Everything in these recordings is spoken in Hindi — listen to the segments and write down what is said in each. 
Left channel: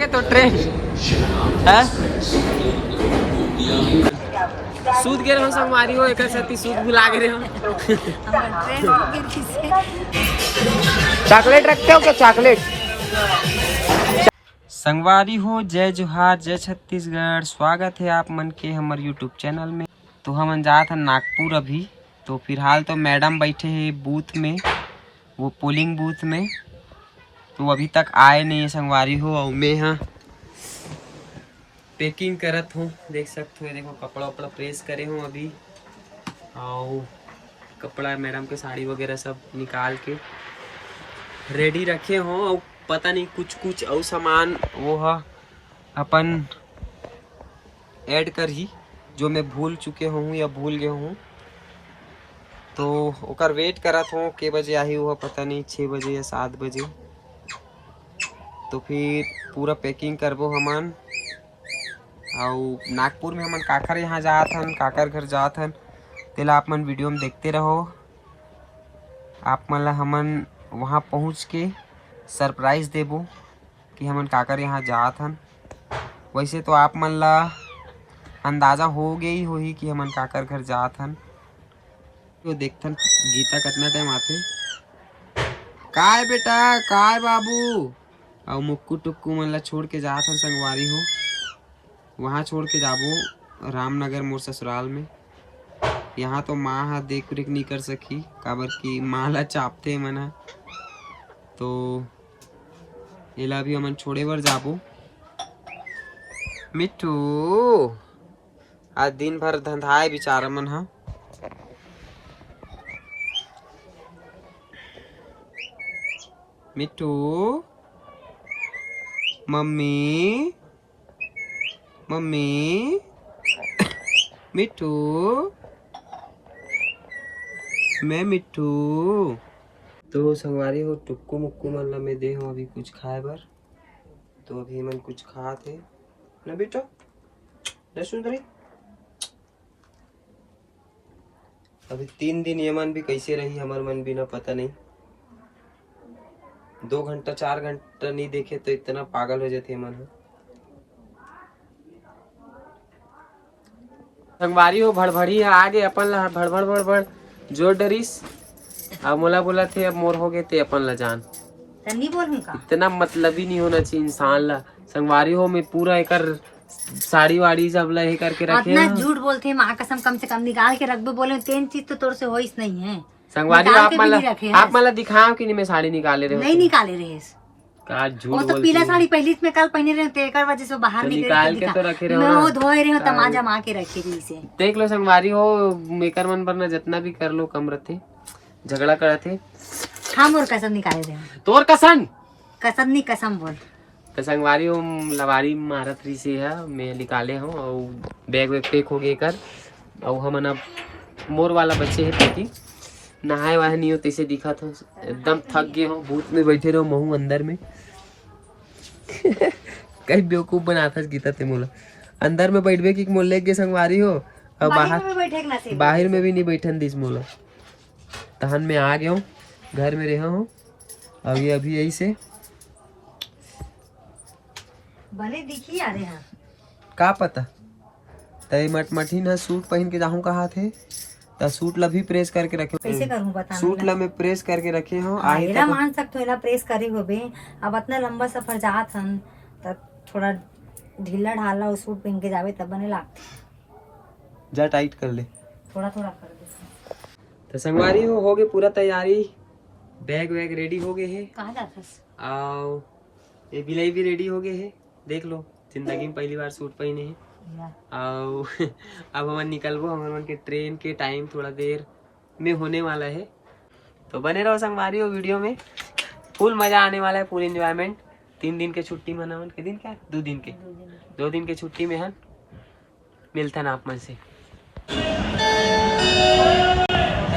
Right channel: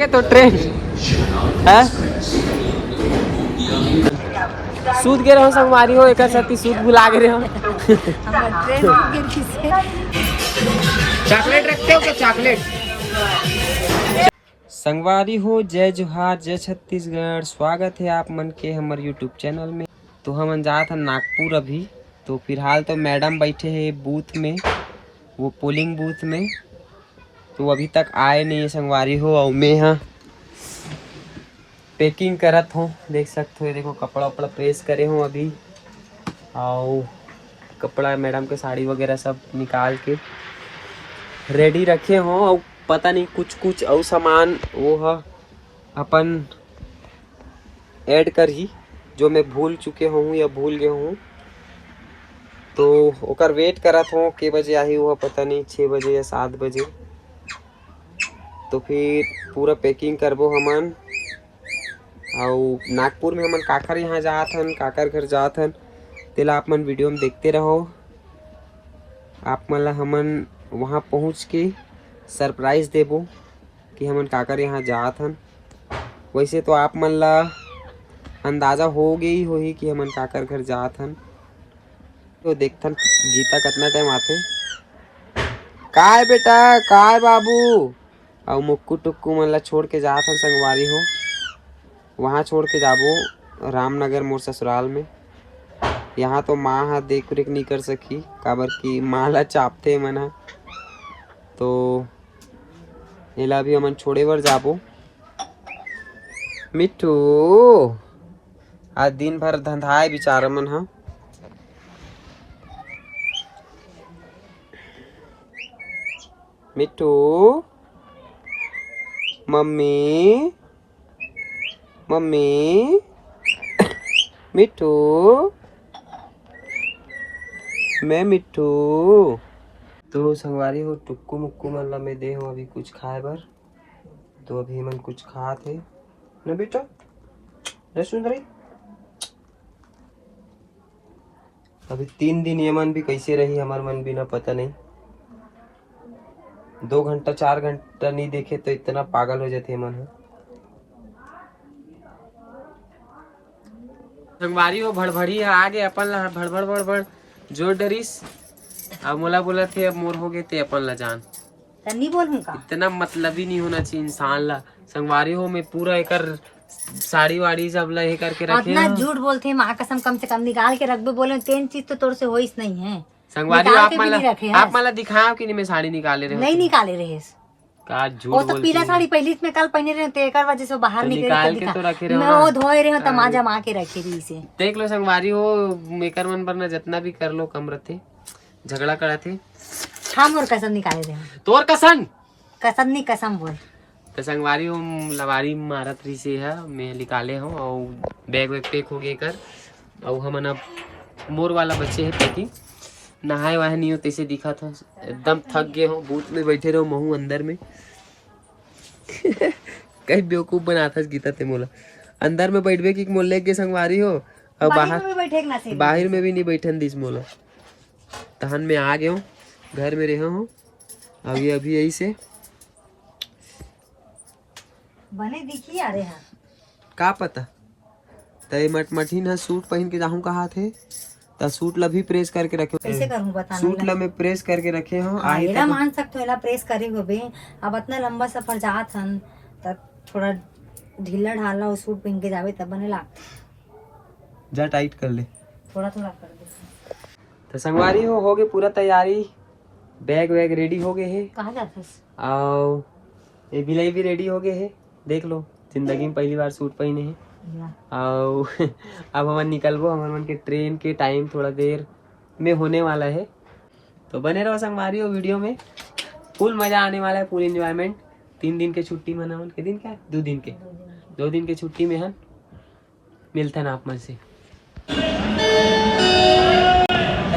आगे तो ट्रेन है सूद गे रहो संगवारी हो एक सती सूद भुला गे रहो चॉकलेट रखते हो क्या चॉकलेट संगवारी हो। जय जोहार जय छत्तीसगढ़। स्वागत है आप मन के हमारे यूट्यूब चैनल में। तो हम जा था नागपुर अभी। तो फिलहाल तो मैडम बैठे हैं बूथ में, वो पोलिंग बूथ में। तो अभी तक आए नहीं है संगवारी हो। और मैं यहाँ पैकिंग करत हूँ, देख सकते हो। देखो कपड़ा वपड़ा प्रेस करे हूँ अभी। और कपड़ा मैडम के साड़ी वगैरह सब निकाल के रेडी रखे हों। और पता नहीं कुछ कुछ और सामान वो है अपन ऐड कर ही, जो मैं भूल चुके हूँ या भूल गए हूँ। तो ओकर वेट करत हूँ के बजे आई हुआ पता नहीं, 6 बजे या 7 बजे। तो फिर पूरा पैकिंग करबो हमन। और नागपुर में हमन काकर यहाँ जात हन, काकर घर जात हन, तेला आप मन वीडियो में देखते रहो। आप मन ला हमन वहाँ पहुँच के सरप्राइज देबो कि हमन काकर यहाँ जात हन। वैसे तो आप मन ला अंदाजा हो गई होही कि हमन काकर घर जात हन। तो देखथन गीता कितना टाइम आते। काय बेटा काय बाबू। और मुक्कू टुक्कू मन ला छोड़ के जात हन संगवारी हो। वहाँ छोड़ के जाबो रामनगर मोर ससुराल में। यहाँ तो माँ हा देख रेख नहीं कर सकी, काबर की माँ ला चापते मन। तो एला भी हमन छोड़े बर जाबो। मिट्टू आज दिन भर धंधाए बेचारा मन हा। मिट्टू मम्मी मम्मी मिट्टू मैं मिट्टू। तो संगवारी हो टुक्कू मुक्कू मन ला मैं दे हो अभी कुछ खाए बर। तो अभी मन कुछ खा थे ना बेटा, नहीं सुन रही। अभी 3 दिन ये मन भी कैसे रही हमार मन बिना पता नहीं। 2 घंटा 4 घंटा नहीं देखे तो इतना पागल हो जाते मन। संगवारी हो भड़भड़ी आगे अपन ला भड़बड़ भड़बड़ जोर डरिस। अब मोला बोला थे अब मोर हो गए थे अपन ला जान। नहीं बोल का इतना मतलब ही नहीं होना चाहिए इंसान ला। संगवारी हो मैं पूरा एकर साड़ी वाड़ी सब ला करके रखे। इतना झूठ बोलते माँ कसम, कम से कम निकाल के रख दो। बोले तीन चीज तो तोर से होइस नहीं है। संगवारी आप मला दिखाओ कि नहीं मैं साड़ी निकाले रहे। नहीं निकाले रहे का झूठ वो तो पीला साड़ी पहली में कल पहने रहे थे, एक वजह से बाहर निकाल के तो रखे रहे। मैं वो धोए रहे तमाजा माँ के रखे रही से। देख लो संगवारी हो मेकर मन पर ना जितना भी कर लो कम रहते, झगड़ा करे थे। हम और कसम निकाले रहे। तोर कसम कसम नहीं कसम बोल। तो संगवारी हो लवारी मारत रही से है मैं निकाले हूँ। और बैग वैग पैक हो गए कर। और हम अब मोर वाला बच्चे है पति नहाए वहाए नहीं हो तैसे दिखा था। एकदम थक गए हो, बूथ में बैठे रहो महू अंदर में। कहीं बेवकूफ बनाता गीता ते मोला। अंदर में बैठबे कि मोले के संगवारी हो। और बाहर में भी नहीं बैठन दिस मोला। तहन में आ गया हूँ, घर में रहा हूँ अभी अभी यही से बने दिखी आ रहे हैं का पता। तय मटमठी ना सूट पहन के जाऊँ कहा थे तो सूट ला भी प्रेस करके रखे। कैसे करूँ बता। सूट ला मैं प्रेस करके रखे हूँ। आयरा मान सकते हो, एला प्रेस करे हो बे। अब इतना लंबा सफर जात हन तब थोड़ा ढीला ढाला वो सूट पहन के जावे तब बने लागते। जा टाइट कर ले, थोड़ा थोड़ा कर दे। तो संगवारी हो गए पूरा तैयारी। बैग वैग रेडी हो गए है। कहाँ जाते और ये बिलाई भी रेडी हो गए है। देख लो जिंदगी में पहली बार सूट पहने हैं। और अब हम निकलबो। हमारे मन के ट्रेन के टाइम थोड़ा देर में होने वाला है। तो बने रहो संगवारी हो वीडियो में। फुल मजा आने वाला है, फुल एंजॉयमेंट। 3 दिन के छुट्टी मना के दिन क्या 2 दिन के 2 दिन के छुट्टी में है मिलता ना आप मन से।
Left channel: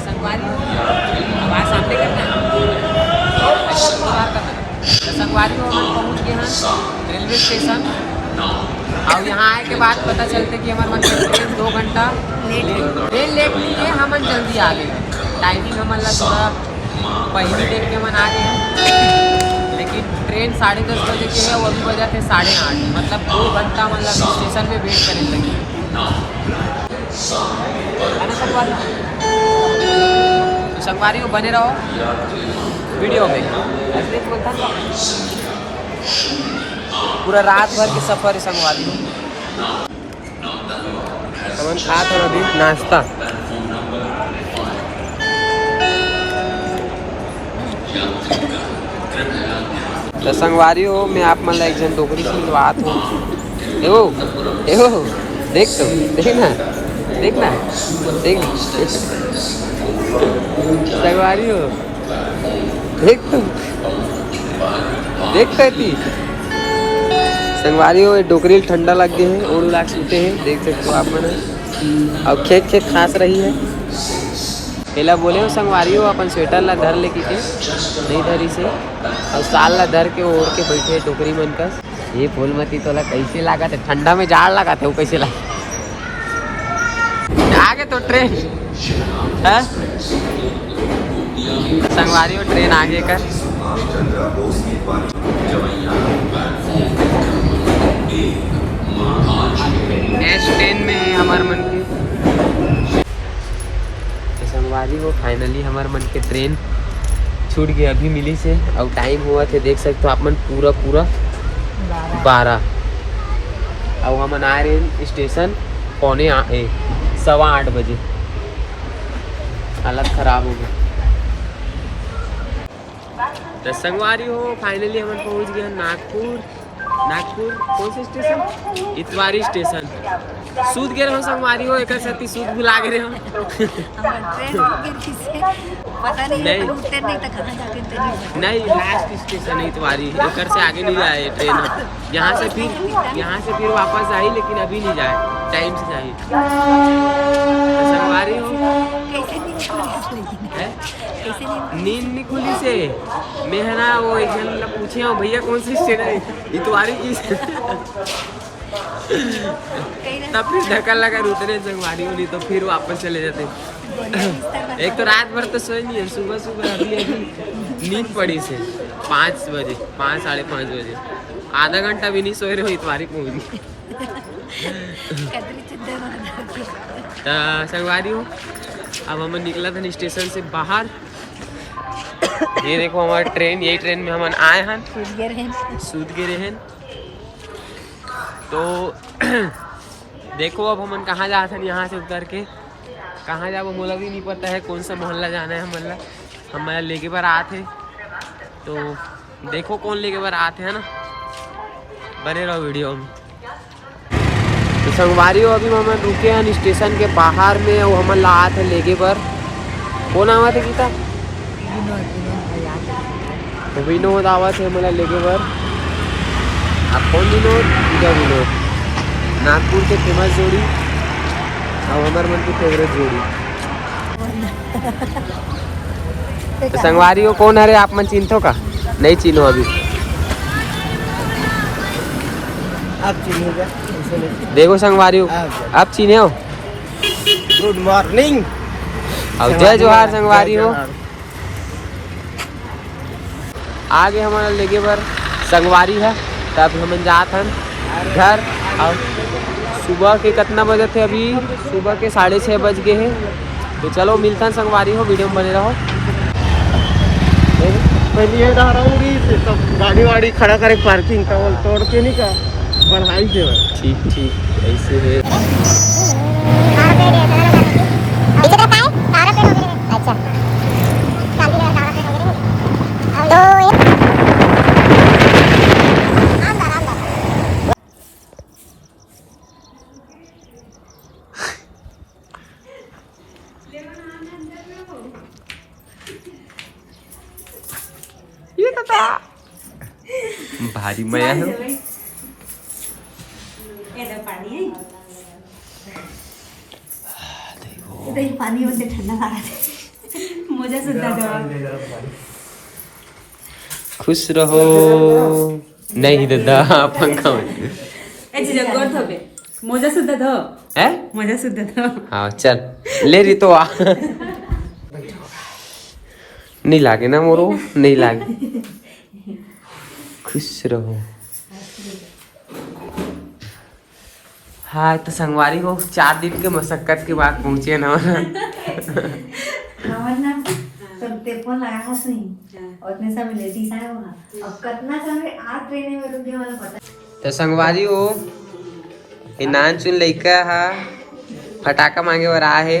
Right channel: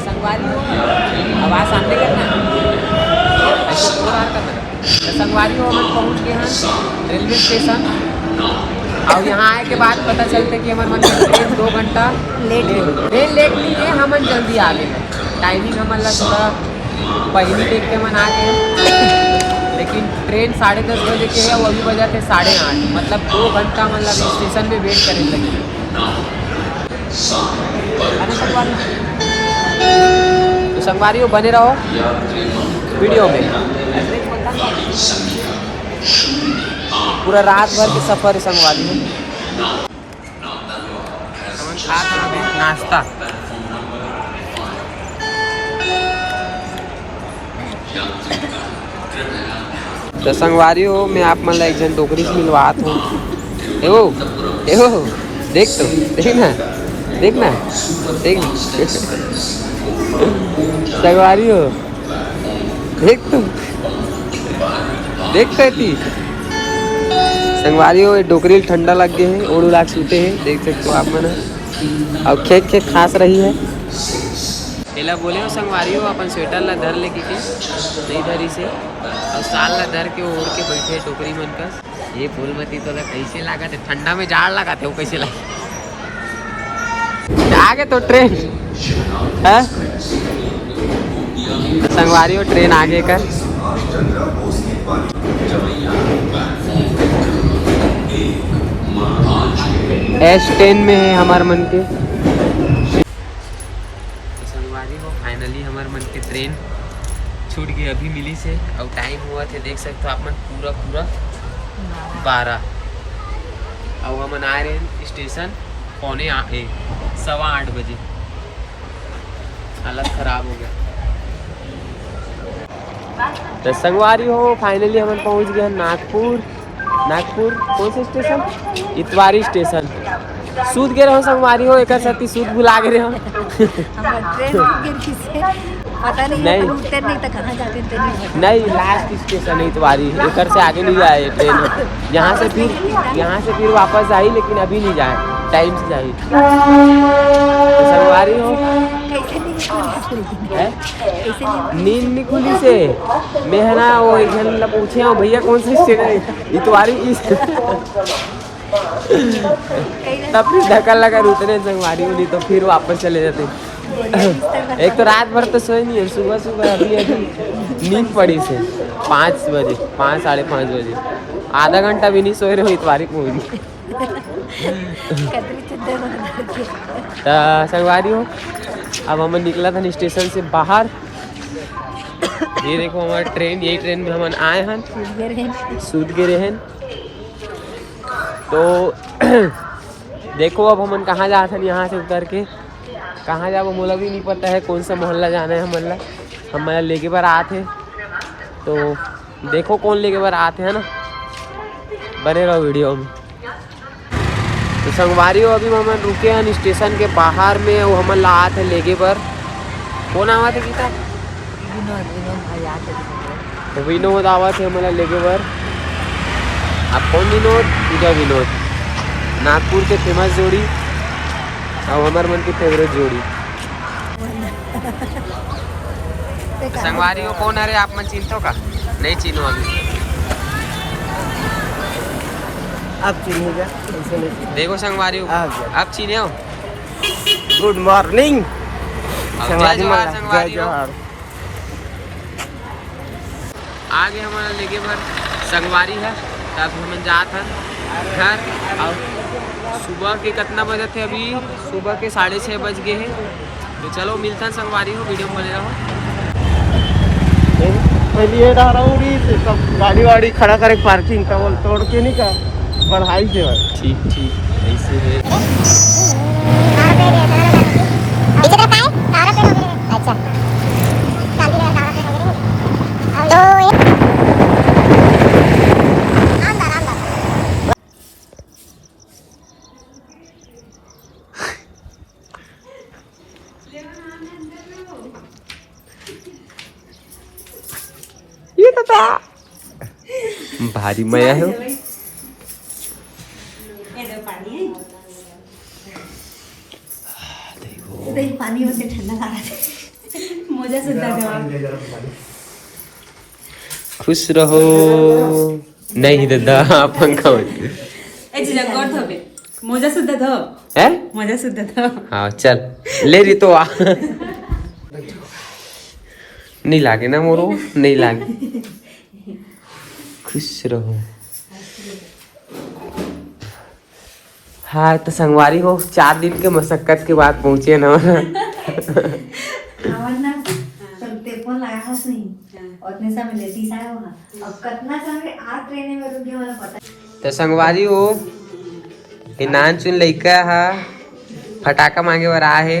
संगवारी हो आवाज सामने करना, ऐसे तो बाहर करना। तो संगवारी हो हम पहुंच गए हैं रेलवे स्टेशन। और यहाँ आए के बाद पता चलते कि हमारे मन ट्रेन 2 घंटा लेट है। ट्रेन लेट नहीं है, हम जल्दी आ गए हैं। टाइमिंग हमारा थोड़ा पहली देख के मन आ गए, लेकिन ट्रेन 10:30 बजे के है और अभी बजा थे 8:30, मतलब 2 घंटा मतलब स्टेशन में वेट करने लगी है ना संगवारी। तो संगवारी हो बने रहो वीडियो में, ऐसे एक बोलता ना, पूरा रात भर के सफर है संगवारी हो। खा था अभी नाश्ता, तो संगवारी हो मैं आप मतलब एक जन डोकरी से मिलवात हूँ। एहो एहो देख तो देखना देखना देख संगवारी हो देख तो देख कहती संगवारी हो। डोकरी ठंडा लग गए हैं, ओढ़ उड़ा सूते हैं, देख सकते हो आप मैंने। अब खेत खेत खास रही है। पहला बोले हो संगवारी हो अपन स्वेटर ला धर लेके के नहीं धरी से और साल ला धर के ओढ़ के बैठे टोकरी मन कस। ये फूलमती तोला कैसे लगा थे, ठंडा में जाड़ लगा थे वो कैसे लगे। आगे तो ट्रेन है संगवारी हो, ट्रेन आगे कर S10 में है हमारे मन के। तो संगवारी हो फाइनली हमारे मन के ट्रेन छूट गई अभी मिली से और टाइम हुआ थे देख सकते हो आप मन पूरा 12 और हम आ रहे हैं स्टेशन 7:15 बजे। हालत खराब हो गया। तो संगवारी हो फाइनली हम पहुंच गए नागपुर। नागपुर कौन सा स्टेशन, इतवारी स्टेशन। सूद गे रहो संगवारी हो, एक साथी सूद भुला गए रहो पता नहीं नहीं तो कहाँ जाते नहीं, लास्ट स्टेशन है इतवारी, एक से आगे नहीं जाए ट्रेन। यहाँ से फिर वापस आई, लेकिन अभी नहीं जाए, टाइम से जाए। तो संगवारी हो नींद नहीं खुली से मैं है ना वो एक जन पूछे हूँ भैया कौन सा स्टेशन है इतवारी की तब फिर धक्का लगा उतरे संगवारी हो, नहीं तो फिर वापस चले जाते। एक तो रात भर तो सोए नहीं है, सुबह सुबह अभी नींद पड़ी से 5 बजे 5 5:30 बजे, आधा घंटा भी नहीं सोए रहे हो इतवारी पहुँच गई। संगवारी हो अब हम निकला था स्टेशन से बाहर। ये देखो हमारी ट्रेन, यही ट्रेन में हम आए हैं सूद गिरे हैं। तो देखो अब हम कहाँ जाते हैं, यहाँ से उतर के कहाँ जाओ मोला भी नहीं पता है, कौन सा मोहल्ला जाना है। हमारा लेके बार आते, तो देखो कौन लेके बार आते हैं ना, बने रहो वीडियो में। तो संगवारी हो अभी हम रुके हैं स्टेशन के बाहर में, वो हम लात है लेके पर। कौन आवा थे सीता, तो विनोद आवा थे हमारा लेके पर। अब कौन विनोद, पूजा विनोद, नागपुर के फेमस जोड़ी और हमारे मन की फेवरेट जोड़ी। तो संगवारी हो कौन है रे, आप मन चिन्हो का नहीं चिन्हो अभी, आप चिन्हेगा देखो संगवारी हो आप चिन्हे हो। गुड मॉर्निंग अब जय जोहार संगवारी हो। आगे हमारा लेके पर संगवारी है, तब हम जात हन घर। और सुबह के कितना बजे थे, अभी सुबह के 6:30 बज गए हैं। तो चलो मिलता है संगवारी हो, वीडियो में बने रहो। पहले गाड़ी वाड़ी खड़ा करे पार्किंग का तोड़ के नहीं का बढ़ाई दे। ठीक ऐसे है। ये भारी मया हो। पानी से ठंडा लगा मजा सुनता खुश रहो। नहीं दादा पंखा मजा सुद्धा दो है, मजा सुद्धा दो। हाँ चल ले रही तो आ नहीं लागे ना मोरो, नहीं लागे खुश रहो। हाँ तो संगवारी हो 4 दिन के मशक्कत के बाद पहुंचे ना। टेलीफोन लगाया नहीं और इतने समय लेडीज आया वहाँ अब कितना समय आज ट्रेन में रुके वाला पता। तो संगवारी हो ये नान चुन लइका हा फटाका मांगे बर आ है।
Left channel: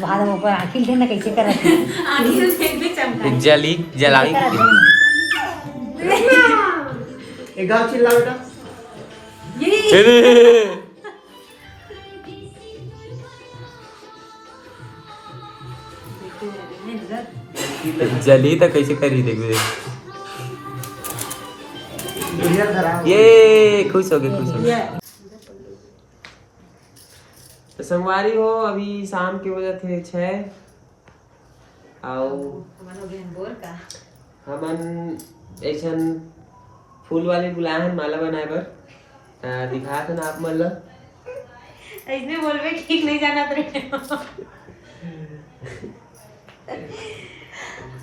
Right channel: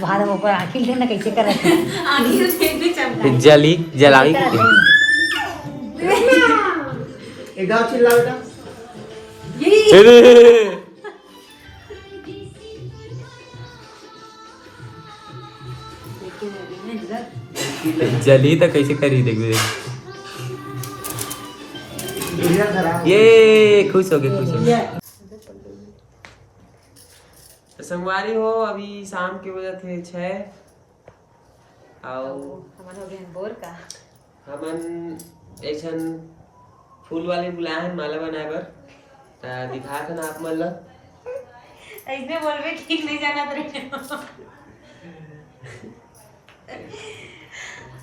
बाहर ऊपर आखिर दिन कैसे कर रहा जली जलावी के एक गाँव चिल्ला बेटा। जली तो कैसे करी देखिए। ये खुश हो गए। तो संगवारी हो अभी शाम के बजे थे 6 और हमन एक फूल वाले बुलाए हैं माला बनाए बर दिखा था ना आप मन ला इसमें बोलवे ठीक नहीं जाना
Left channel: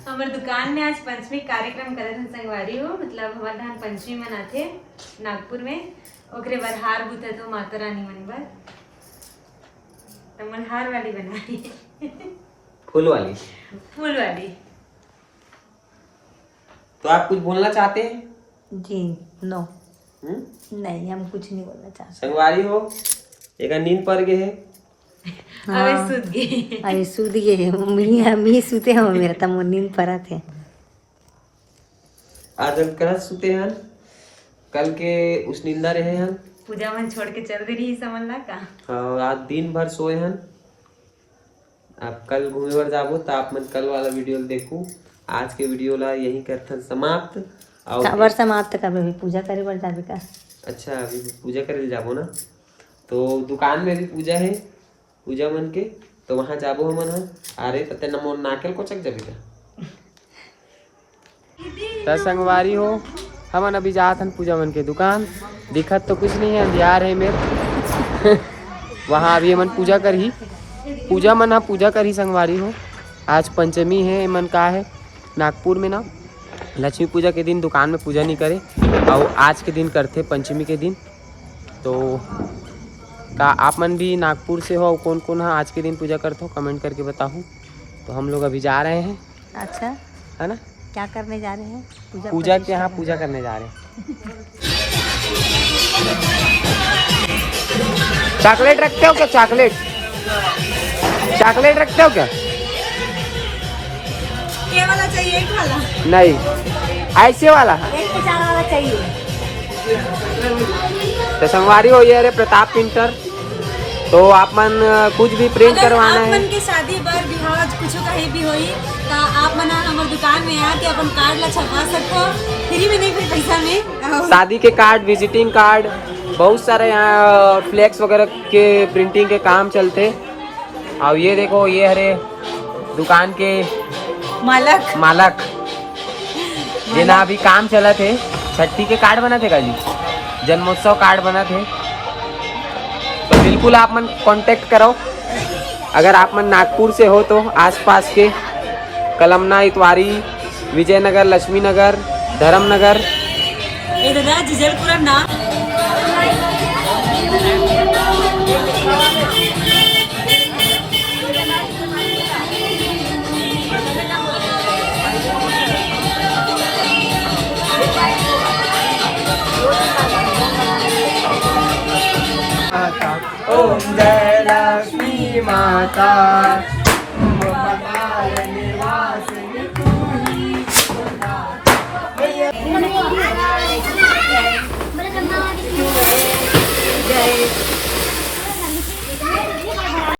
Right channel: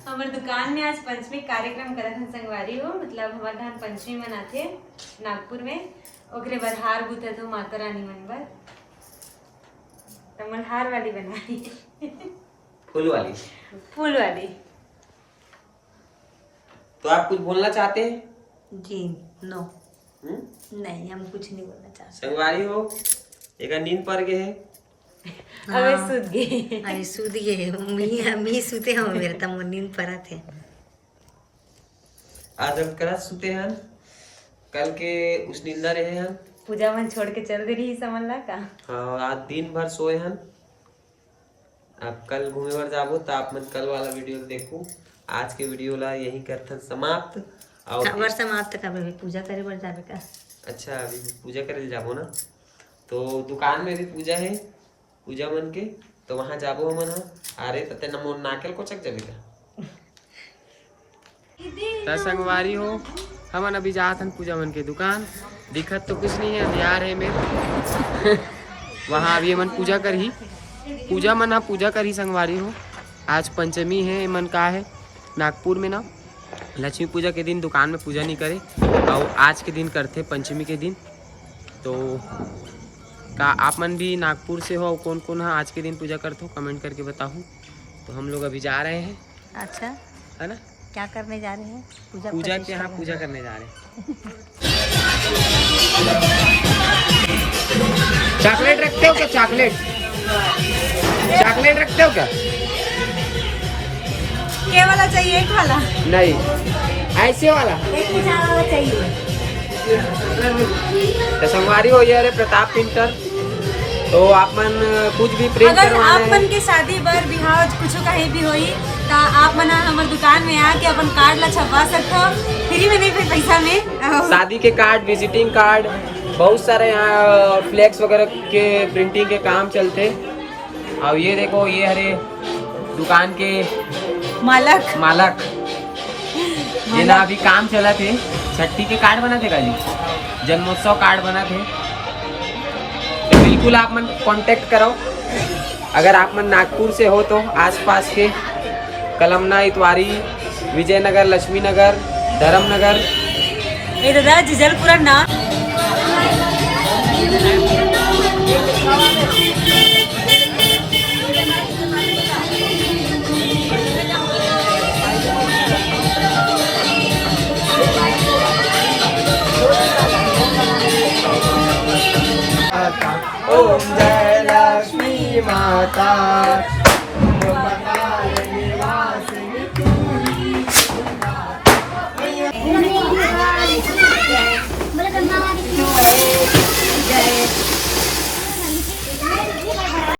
हमारे दुकान में आज पंचमी कार्यक्रम करत हैं संगवारी हो मतलब हमारे धान पंचमी मनाथे नागपुर में ओकरे बर हार गुथत हो माता रानी मन बर तो हार वाली बनाई फूल वाली। तो आप कुछ बोलना चाहते हैं? जी नो नहीं हम कुछ नहीं बोलना चाहते। संगवारी हो एक नींद पड़ गए है। अरे सूद गए मी सूते हम मेरा तम नींद पड़ा थे। आज हम कल सूते हैं कल के उस नींदा रहे हैं पूजा मन छोड़ के चल दे रही समझ ला का। हाँ आज दिन भर सोए हैं। आप कल घूमे बर जाबो तो आप मन कल वाला वीडियो देखो। आज के वीडियो ला यही करथन समाप्त। और काबर समाप्त कब अभी पूजा करे बर जाबे का। अच्छा अभी पूजा करे जाबो ना तो दुकान में भी पूजा है पूजा मन के तो वहाँ जाबो हमन हा। अरे तते नमो नाकेल को चक जाबे का। त संगवारी हो हमन अभी जात हन पूजा मन के दुकान दिखत तो कुछ नहीं है अंधियार है मेरे। वहाँ अभी हमन पूजा कर ही पूजा कर ही संगवारी हो। आज पंचमी है मन का है नागपुर में ना लक्ष्मी पूजा के दिन दुकान में पूजा नहीं करे और आज के दिन करते पंचमी के दिन। तो का आप मन भी नागपुर से हो कौन कौन है आज के दिन पूजा करते हो कमेंट करके बताओ। तो हम लोग अभी जा रहे हैं। अच्छा है ना क्या करने जा रहे हैं? पूजा के यहाँ पूजा करने जा रहे हैं। चॉकलेट रखते हो क्या? चॉकलेट रखते हो क्या? क्या वाला चाहिए? एक वाला नहीं ऐसे वाला एक वाला चाहिए। तो संगवारी हो ये रे प्रताप प्रिंटर। तो आप मन कुछ भी प्रिंट अगर करवाना आप मन है के शादी बर बिहाव कुछ कहीं भी होई तो आप मन हमारे दुकान में आके अपन कार्ड ला छपवा सकते हो फ्री में नहीं फिर पैसा में। शादी के कार्ड विजिटिंग कार्ड बहुत सारे फ्लैक्स वगैरह के प्रिंटिंग के काम चलते। और ये देखो ये हरे दुकान के मालक ये ना अभी काम चला थे छठी के कार्ड बना थे गाली जन्मोत्सव कार्ड बना थे। तो बिल्कुल आप मन कांटेक्ट करो अगर आप मन नागपुर से हो तो आसपास के कलमना इतवारी विजयनगर लक्ष्मी नगर धर्मनगर जलपुरा ना ओम जय लक्ष्मी माता